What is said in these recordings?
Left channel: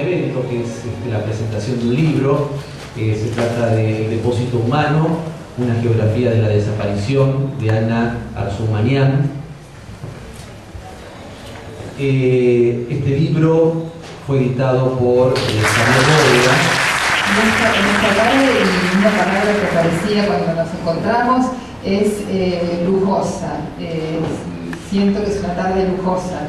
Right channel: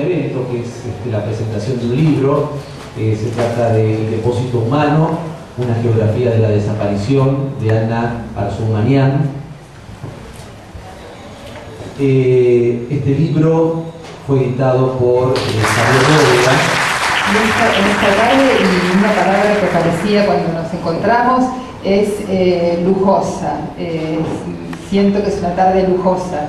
evento, que es la presentación de un libro. Se trata de El depósito humano, una geografía de la desaparición, de Ana Arzumanian. Este libro fue editado por Javier Bóveda. En esta tarde, y una palabra que aparecía cuando nos encontramos es lujosa. Siento que es una tarde lujosa.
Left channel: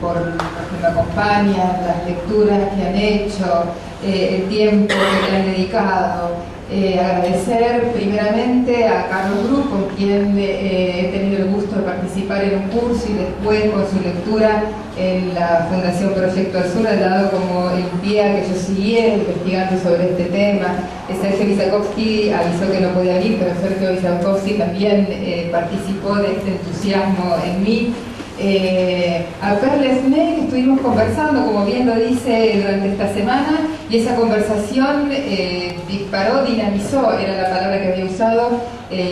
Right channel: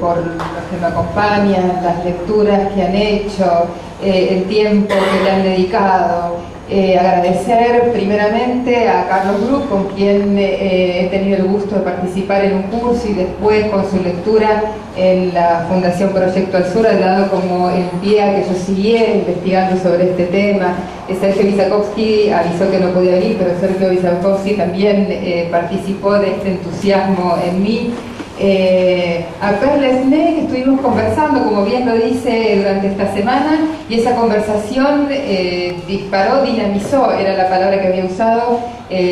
Por los que me acompañan, las lecturas que han hecho, el tiempo que le han dedicado. Agradecer primeramente a Carlos Bruch, con quien he tenido el gusto de participar en un curso y después con su lectura en la Fundación Proyecto al Sur, ha dado como el pie a que yo siguiera investigando sobre este tema. Sergio Vysakovsky avisó que no podía venir, pero Sergio Vysakovsky también participó de este entusiasmo en mí. A Perle Snee, que estuvimos conversando, como bien lo dice, durante esta semana, y esa conversación disparó, dinamizó, era la palabra que había usado,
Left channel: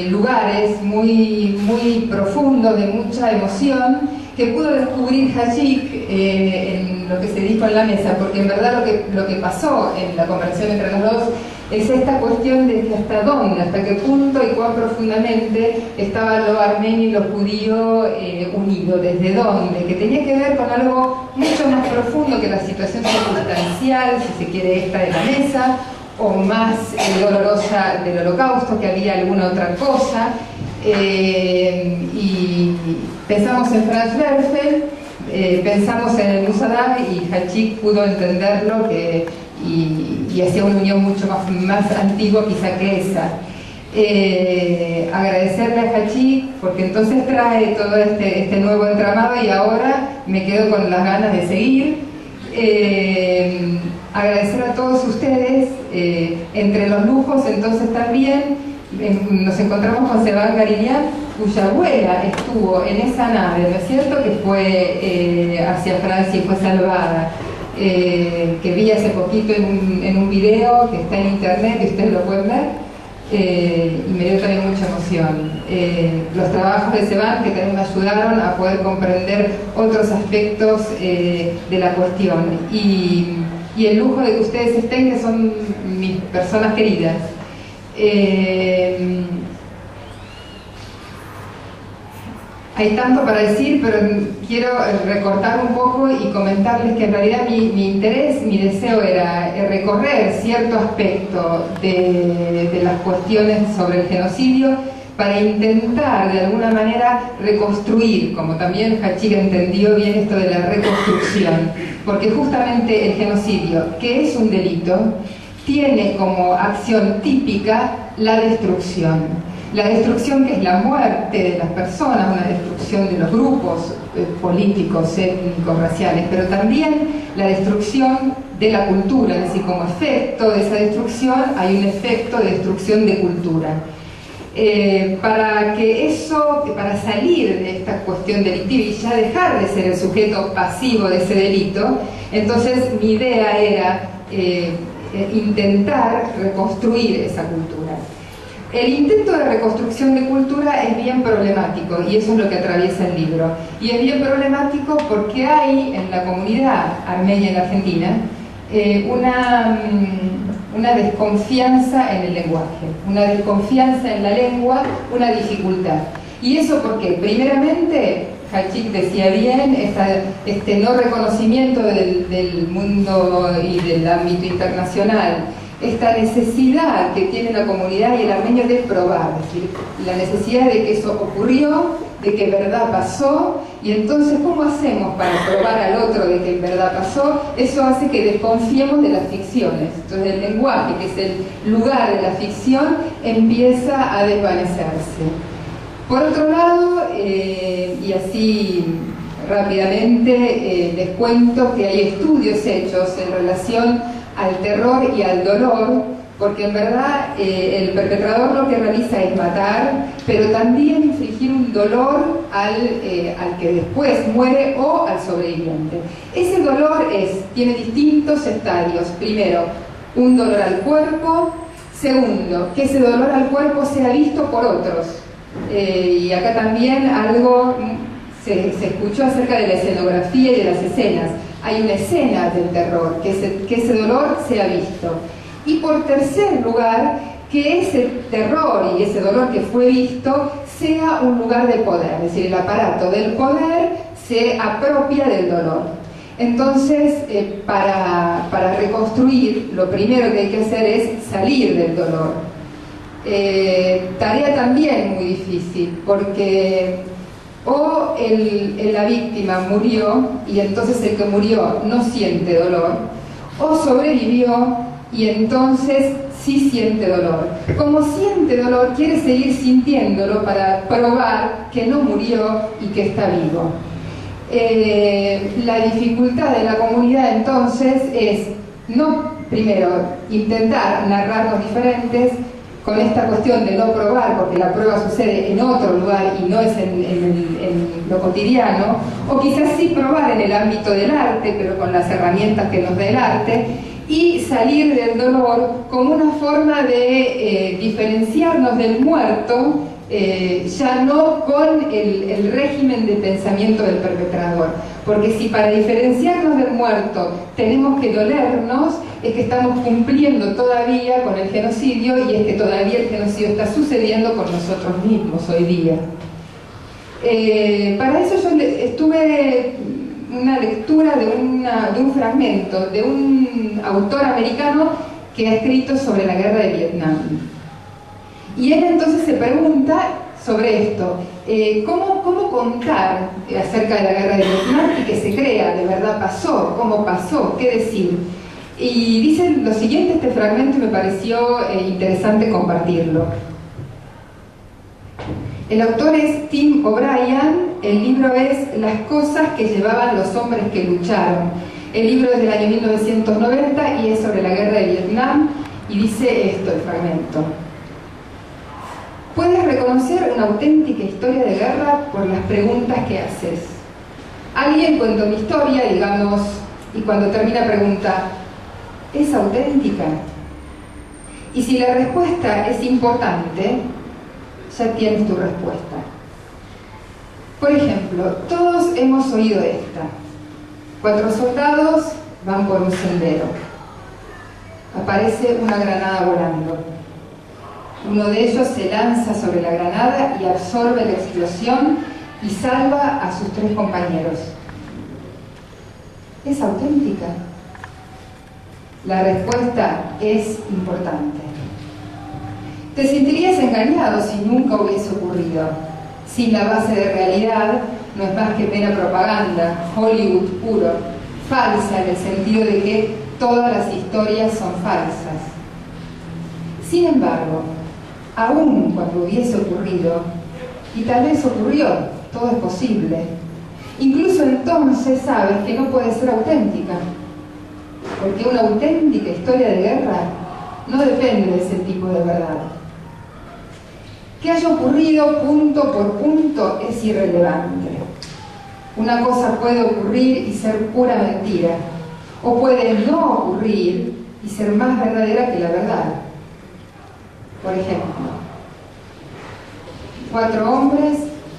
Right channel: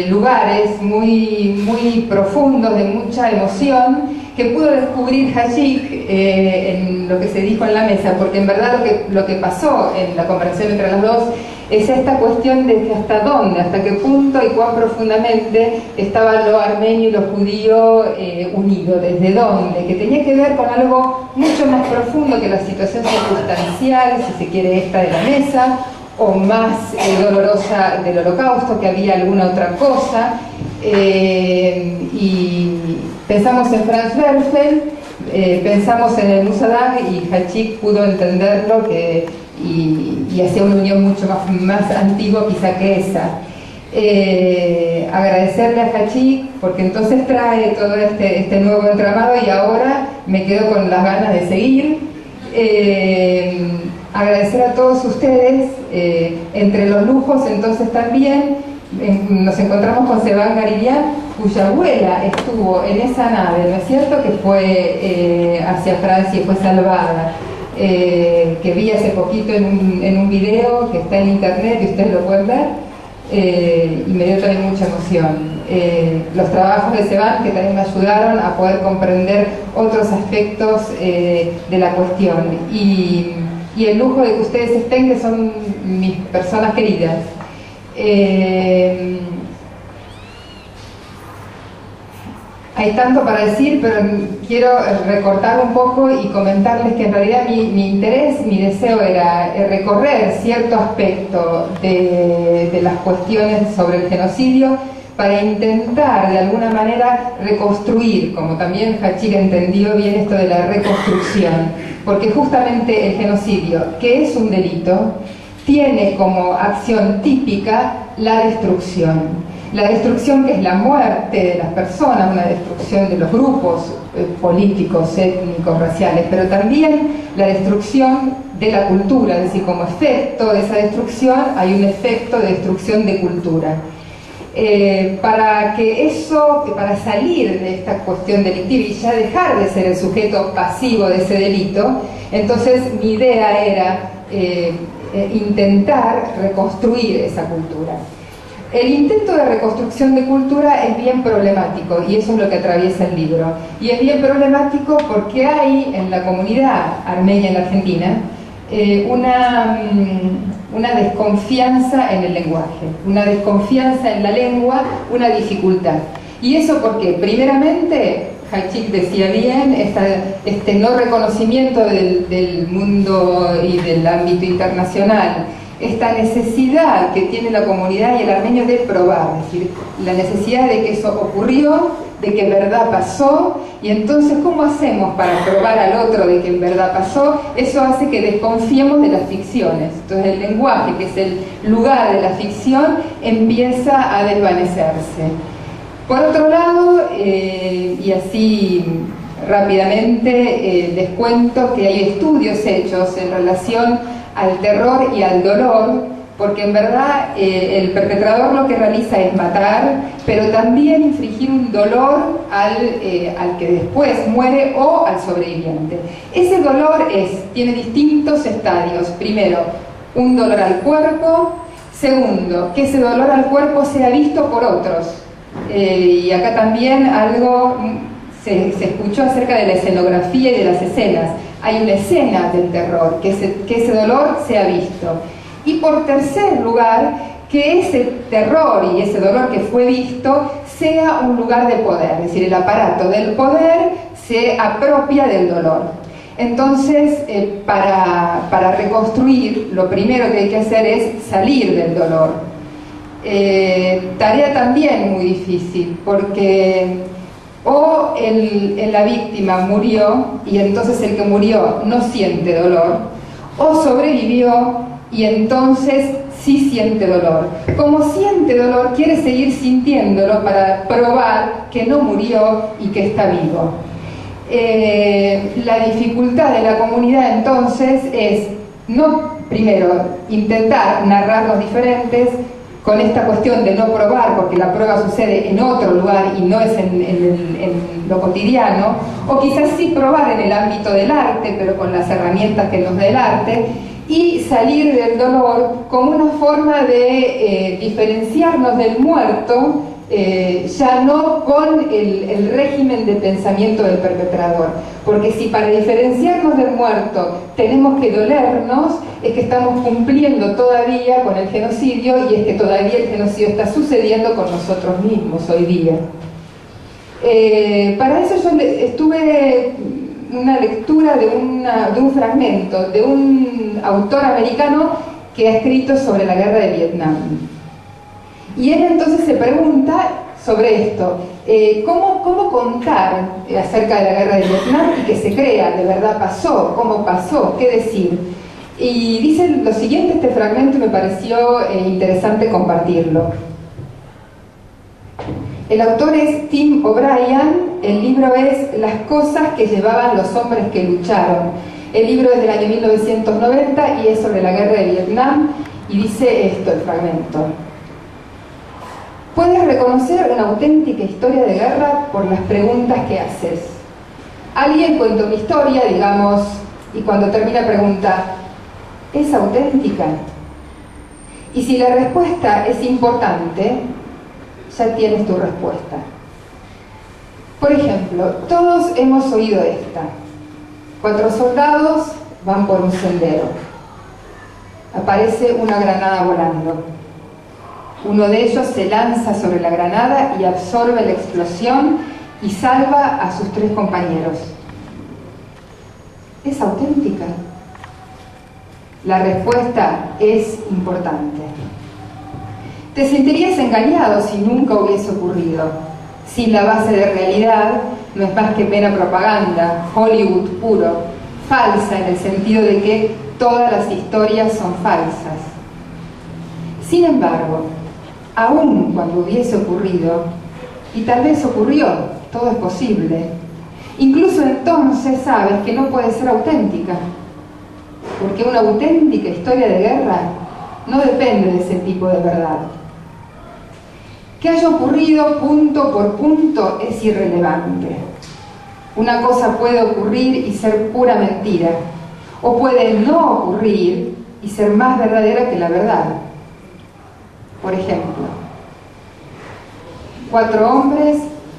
lugares muy profundos, de mucha emoción, que pudo descubrir Hachik en lo que se dijo en la mesa, porque en verdad lo que pasó en la conversación entre los dos es esta cuestión de que hasta dónde, hasta qué punto y cuán profundamente estaba lo armenio y lo judío unido, desde dónde, que tenía que ver con algo mucho más profundo que la situación circunstancial, si se quiere, esta de la mesa, o más dolorosa del Holocausto, que había alguna otra cosa. Y pensamos en Franz Werfel, pensamos en el Musadam, y Hachik pudo entenderlo y hacía una unión mucho más antigua quizá que esa. Agradecerle a Hachik porque entonces trae todo este nuevo entramado, y ahora me quedo con las ganas de seguir. Agradecer a todos ustedes. Entre los lujos entonces también nos encontramos con Sevan Garilian, cuya abuela estuvo en esa nave, ¿no es cierto?, que fue hacia Francia y fue salvada. Que vi hace poquito en un video que está en internet y ustedes lo pueden ver, y me dio también mucha emoción. Los trabajos de Sevan, que también me ayudaron a poder comprender otros aspectos de la cuestión, y el lujo de que ustedes estén, que son mis personas queridas. Hay tanto para decir, pero quiero recortar un poco y comentarles que en realidad mi interés, mi deseo era recorrer cierto aspecto de las cuestiones sobre el genocidio para intentar de alguna manera reconstruir, como también Hachik entendió bien esto de la reconstrucción, porque justamente el genocidio, que es un delito, tiene como acción típica la destrucción. La destrucción, que es la muerte de las personas, una destrucción de los grupos políticos, étnicos, raciales, pero también la destrucción de la cultura, es decir, como efecto de esa destrucción hay un efecto de destrucción de cultura. Para salir de esta cuestión delictiva y ya dejar de ser el sujeto pasivo de ese delito, entonces mi idea era intentar reconstruir esa cultura. El intento de reconstrucción de cultura es bien problemático, y eso es lo que atraviesa el libro. Y es bien problemático porque hay en la comunidad armenia en la Argentina una desconfianza en el lenguaje, una desconfianza en la lengua, una dificultad. ¿Y eso por qué? Primeramente, Hachik decía bien, este no reconocimiento del mundo y del ámbito internacional, esta necesidad que tiene la comunidad y el armenio de probar, es decir, la necesidad de que eso ocurrió, de que verdad pasó, y entonces ¿cómo hacemos para probar al otro de que en verdad pasó? Eso hace que desconfiemos de las ficciones. Entonces el lenguaje, que es el lugar de la ficción, empieza a desvanecerse. Por otro lado, y así rápidamente les cuento que hay estudios hechos en relación al terror y al dolor, porque en verdad el perpetrador lo que realiza es matar, pero también infligir un dolor al que después muere o al sobreviviente. Ese dolor tiene distintos estadios. Primero, un dolor al cuerpo. Segundo, que ese dolor al cuerpo sea visto por otros. Y acá también algo se escuchó acerca de la escenografía y de las escenas. hay una escena del terror, que ese dolor sea visto. Y por tercer lugar, que ese terror y ese dolor que fue visto sea un lugar de poder, es decir, el aparato del poder se apropia del dolor. Entonces, para reconstruir, lo primero que hay que hacer es salir del dolor. Tarea también muy difícil, porque o la víctima murió y entonces el que murió no siente dolor, o sobrevivió y entonces sí siente dolor. Como siente dolor, quiere seguir sintiéndolo para probar que no murió y que está vivo. La dificultad de la comunidad entonces es no, primero, intentar narrar los diferentes con esta cuestión de no probar, porque la prueba sucede en otro lugar y no es en lo cotidiano, o quizás sí probar en el ámbito del arte, pero con las herramientas que nos da el arte, y salir del dolor como una forma de diferenciarnos del muerto, ya no con el régimen de pensamiento del perpetrador. Porque si para diferenciarnos del muerto tenemos que dolernos, es que estamos cumpliendo todavía con el genocidio, y es que todavía el genocidio está sucediendo con nosotros mismos hoy día. Para eso yo estuve una lectura de un fragmento de un autor americano que ha escrito sobre la guerra de Vietnam. Y él entonces se pregunta sobre esto, ¿cómo contar acerca de la guerra de Vietnam y que se crea, de verdad pasó, cómo pasó, qué decir? Y dice lo siguiente, este fragmento me pareció interesante compartirlo. El autor es Tim O'Brien, el libro es Las cosas que llevaban los hombres que lucharon. El libro es del año 1990 y es sobre la guerra de Vietnam, y dice esto, el fragmento. Puedes reconocer una auténtica historia de guerra por las preguntas que haces. Alguien cuenta una historia, digamos, y cuando termina pregunta, ¿es auténtica? Y si la respuesta es importante, ya tienes tu respuesta. Por ejemplo, todos hemos oído esta. 4 soldados van por un sendero. Aparece una granada volando. Uno de ellos se lanza sobre la granada y absorbe la explosión y salva a sus 3 compañeros. ¿Es auténtica? La respuesta es importante. Te sentirías engañado si nunca hubiese ocurrido. Sin la base de realidad, no es más que mera propaganda, Hollywood puro, falsa en el sentido de que todas las historias son falsas. Sin embargo, aún cuando hubiese ocurrido, y tal vez ocurrió, todo es posible, incluso entonces sabes que no puede ser auténtica, porque una auténtica historia de guerra no depende de ese tipo de verdad. Que haya ocurrido punto por punto es irrelevante. Una cosa puede ocurrir y ser pura mentira, o puede no ocurrir y ser más verdadera que la verdad. Por ejemplo, 4 hombres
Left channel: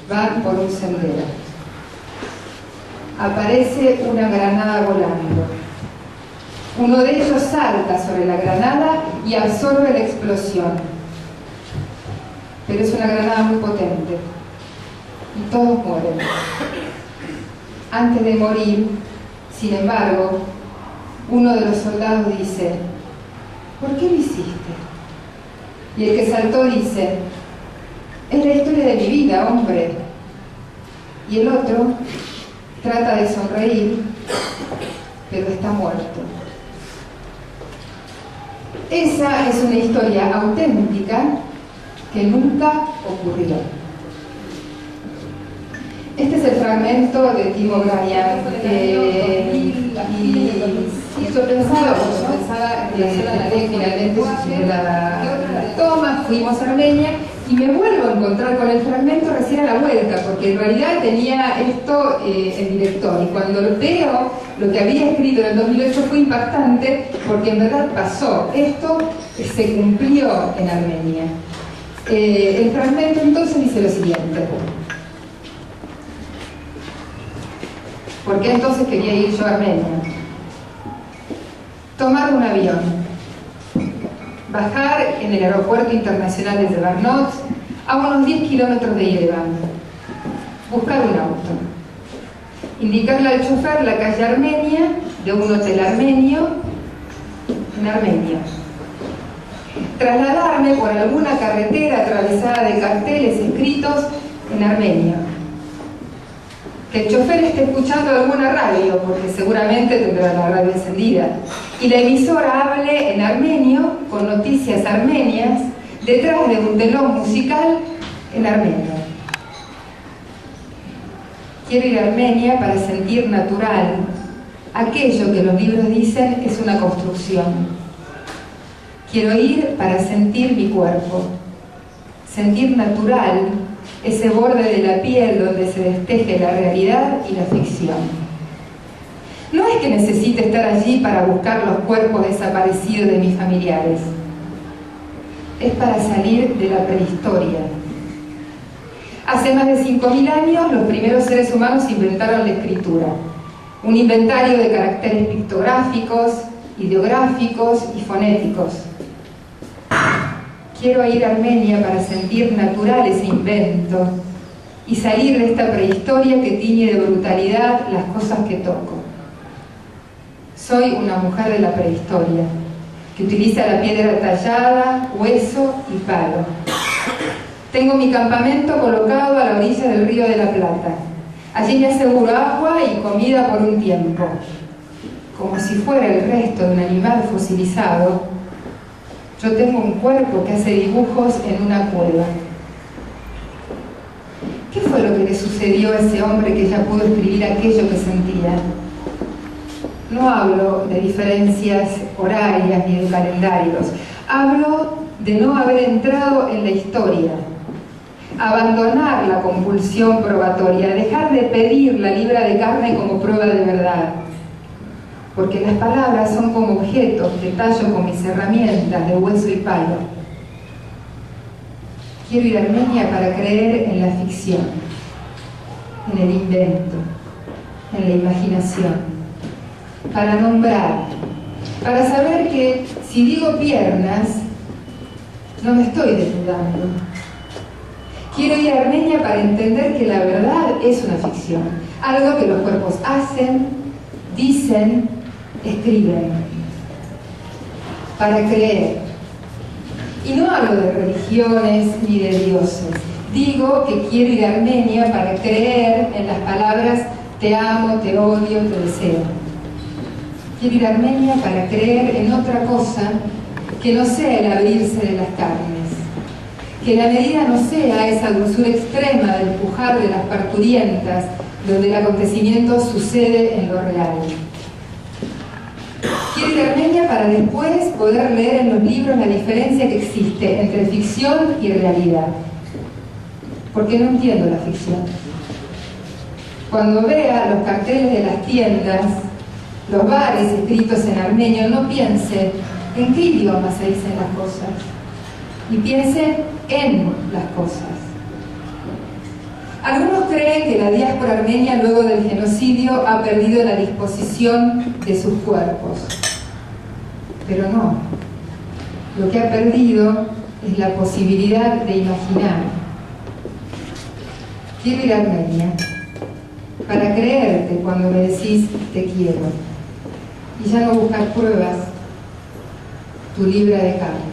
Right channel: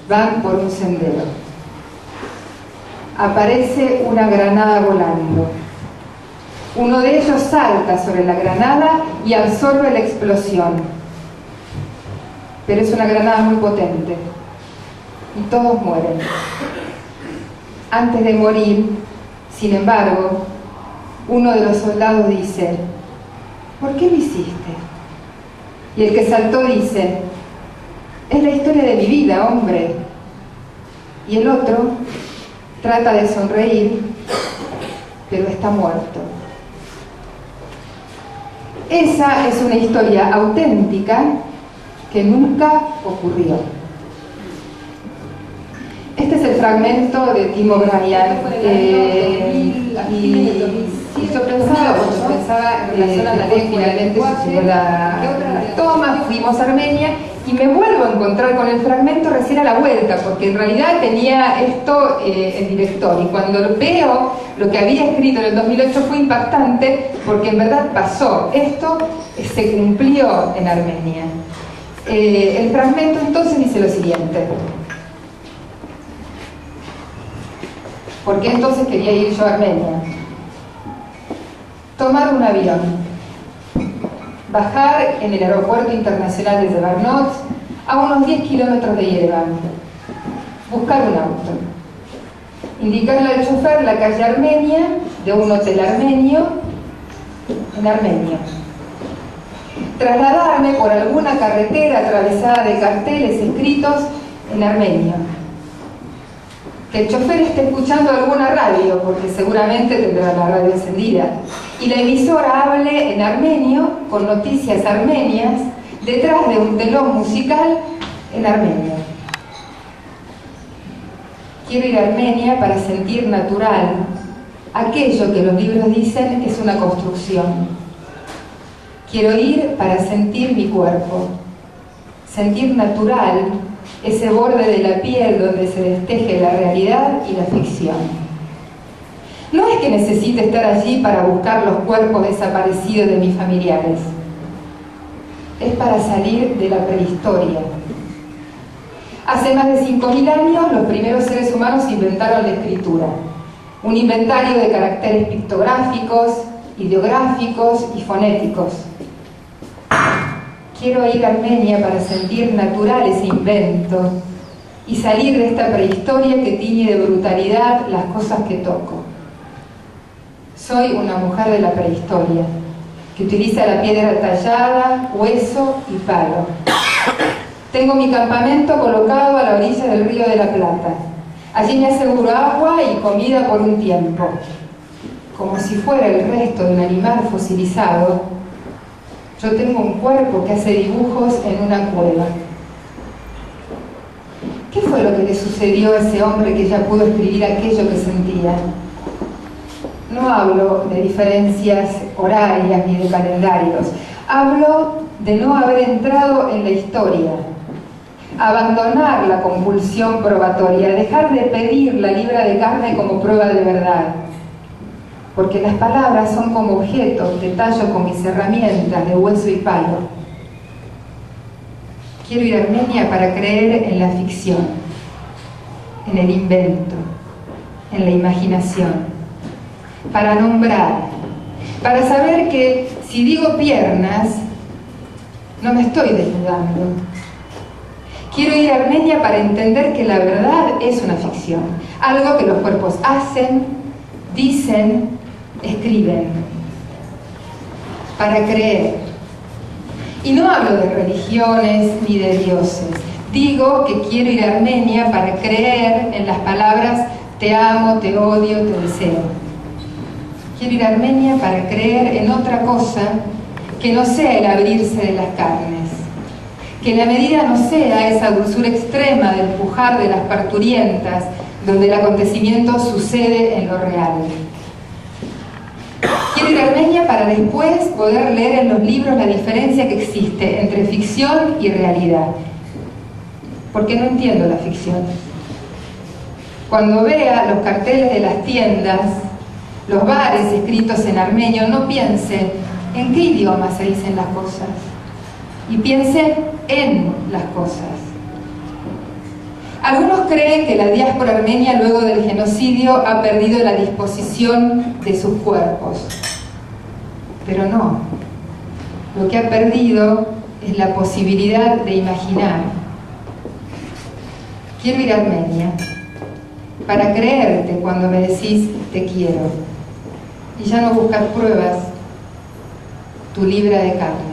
van por un sendero. Aparece una granada volando. Uno de ellos salta sobre la granada y absorbe la explosión. Pero es una granada muy potente y todos mueren. Antes de morir, sin embargo, uno de los soldados dice, ¿por qué lo hiciste? Y el que saltó dice, es la historia de mi vida, hombre. Y el otro trata de sonreír, pero está muerto. Esa es una historia auténtica que nunca ocurrió. Este es el fragmento de Tim O'Brien, y yo pensaba finalmente sucedió la toma, fuimos a Armenia y me vuelvo a encontrar con el fragmento recién a la vuelta, porque en realidad tenía esto el director, y cuando veo lo que había escrito en el 2008 fue impactante, porque en verdad pasó, esto se cumplió en Armenia. El fragmento entonces dice lo siguiente. ¿Por qué entonces quería ir yo a Armenia? Tomar un avión, bajar en el aeropuerto internacional de Zvartnots a unos 10 kilómetros de Yerevan, buscar un auto, indicarle al chofer la calle Armenia de un hotel armenio en Armenia, trasladarme por alguna carretera atravesada de carteles escritos en armenio, que el chofer esté escuchando alguna radio, porque seguramente tendrá la radio encendida, y la emisora hable en armenio con noticias armenias detrás de un telón musical en armenio. Quiero ir a Armenia para sentir natural aquello que los libros dicen es una construcción. Quiero ir para sentir mi cuerpo, sentir natural ese borde de la piel donde se desteje la realidad y la ficción. No es que necesite estar allí para buscar los cuerpos desaparecidos de mis familiares. Es para salir de la prehistoria. Hace más de 5.000 años, los primeros seres humanos inventaron la escritura. Un inventario de caracteres pictográficos, ideográficos y fonéticos. Quiero ir a Armenia para sentir natural ese invento y salir de esta prehistoria que tiñe de brutalidad las cosas que toco. Soy una mujer de la prehistoria, que utiliza la piedra tallada, hueso y palo. Tengo mi campamento colocado a la orilla del río de la Plata. Allí me aseguro agua y comida por un tiempo. Como si fuera el resto de un animal fosilizado, yo tengo un cuerpo que hace dibujos en una cueva. ¿Qué fue lo que le sucedió a ese hombre que ya pudo escribir aquello que sentía? No hablo de diferencias horarias ni de calendarios. Hablo de no haber entrado en la historia. Abandonar la compulsión probatoria, dejar de pedir la libra de carne como prueba de verdad. Porque las palabras son como objetos que tallo con mis herramientas de hueso y palo. Quiero ir a Armenia para creer en la ficción, en el invento, en la imaginación, para nombrar, para saber que si digo piernas, no me estoy desnudando. Quiero ir a Armenia para entender que la verdad es una ficción, algo que los cuerpos hacen, dicen, escriben, para creer. Y no hablo de religiones ni de dioses. Digo que quiero ir a Armenia para creer en las palabras te amo, te odio, te deseo. Quiero ir a Armenia para creer en otra cosa que no sea el abrirse de las carnes, que la medida no sea esa dulzura extrema del pujar de las parturientas, donde el acontecimiento sucede en lo real. Quiero ir a Armenia para después poder leer en los libros la diferencia que existe entre ficción y realidad, porque no entiendo la ficción. Cuando vea los carteles de las tiendas, los bares escritos en armenio, no piense en qué idioma se dicen las cosas, y piense en las cosas. Algunos creen que la diáspora armenia luego del genocidio ha perdido la disposición de sus cuerpos, pero no. Lo que ha perdido es la posibilidad de imaginar. Quiero ir a Armenia para creerte cuando me decís te quiero y ya no buscar pruebas, tu libra de carne.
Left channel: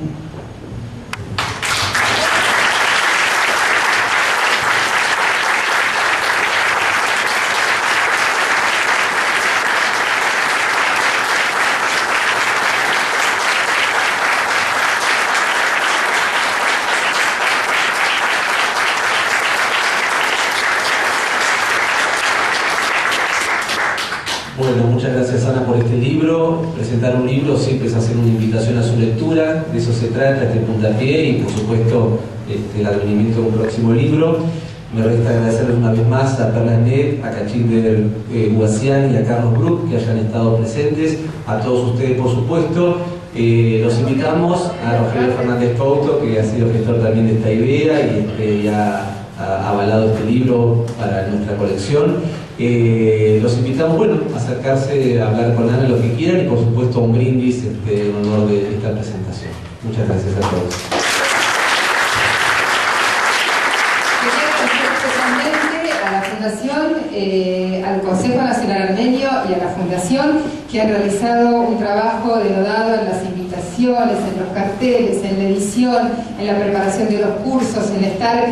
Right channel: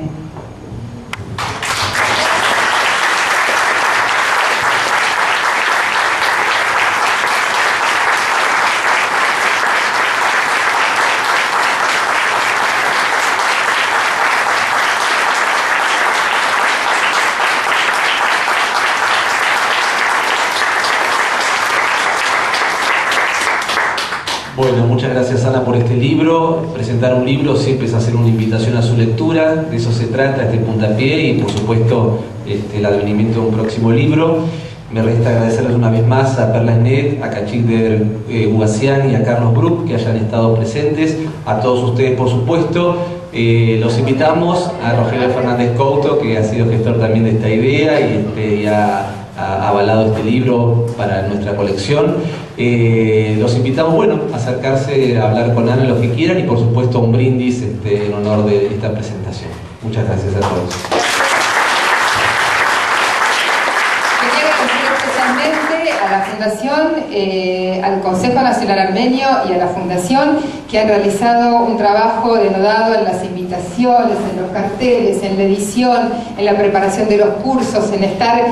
Bueno, muchas gracias Ana por este libro. Presentar un libro siempre es hacer una invitación a su lectura, de eso se trata este puntapié y por supuesto el advenimiento de un próximo libro. Me resta agradecerles una vez más a Perla Esnet, a Cachinder Guasian y a Carlos Bruck que hayan estado presentes, a todos ustedes por supuesto. Los invitamos a Rogelio Fernández Couto, que ha sido gestor también de esta idea, y a ha avalado este libro para nuestra colección. Los invitamos, bueno, a acercarse, a hablar con Ana los que quieran y por supuesto un brindis en honor de esta presentación. Muchas gracias a todos. Quería agradecer especialmente a la Fundación, al Consejo Nacional Armenio y a la Fundación que han realizado un trabajo denodado en las invitaciones, en los carteles, en la edición, en la preparación de los cursos, en estar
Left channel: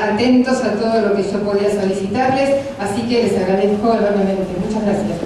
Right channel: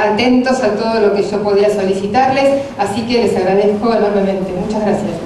atentos a todo lo que yo podía solicitarles, así que les agradezco enormemente. Muchas gracias.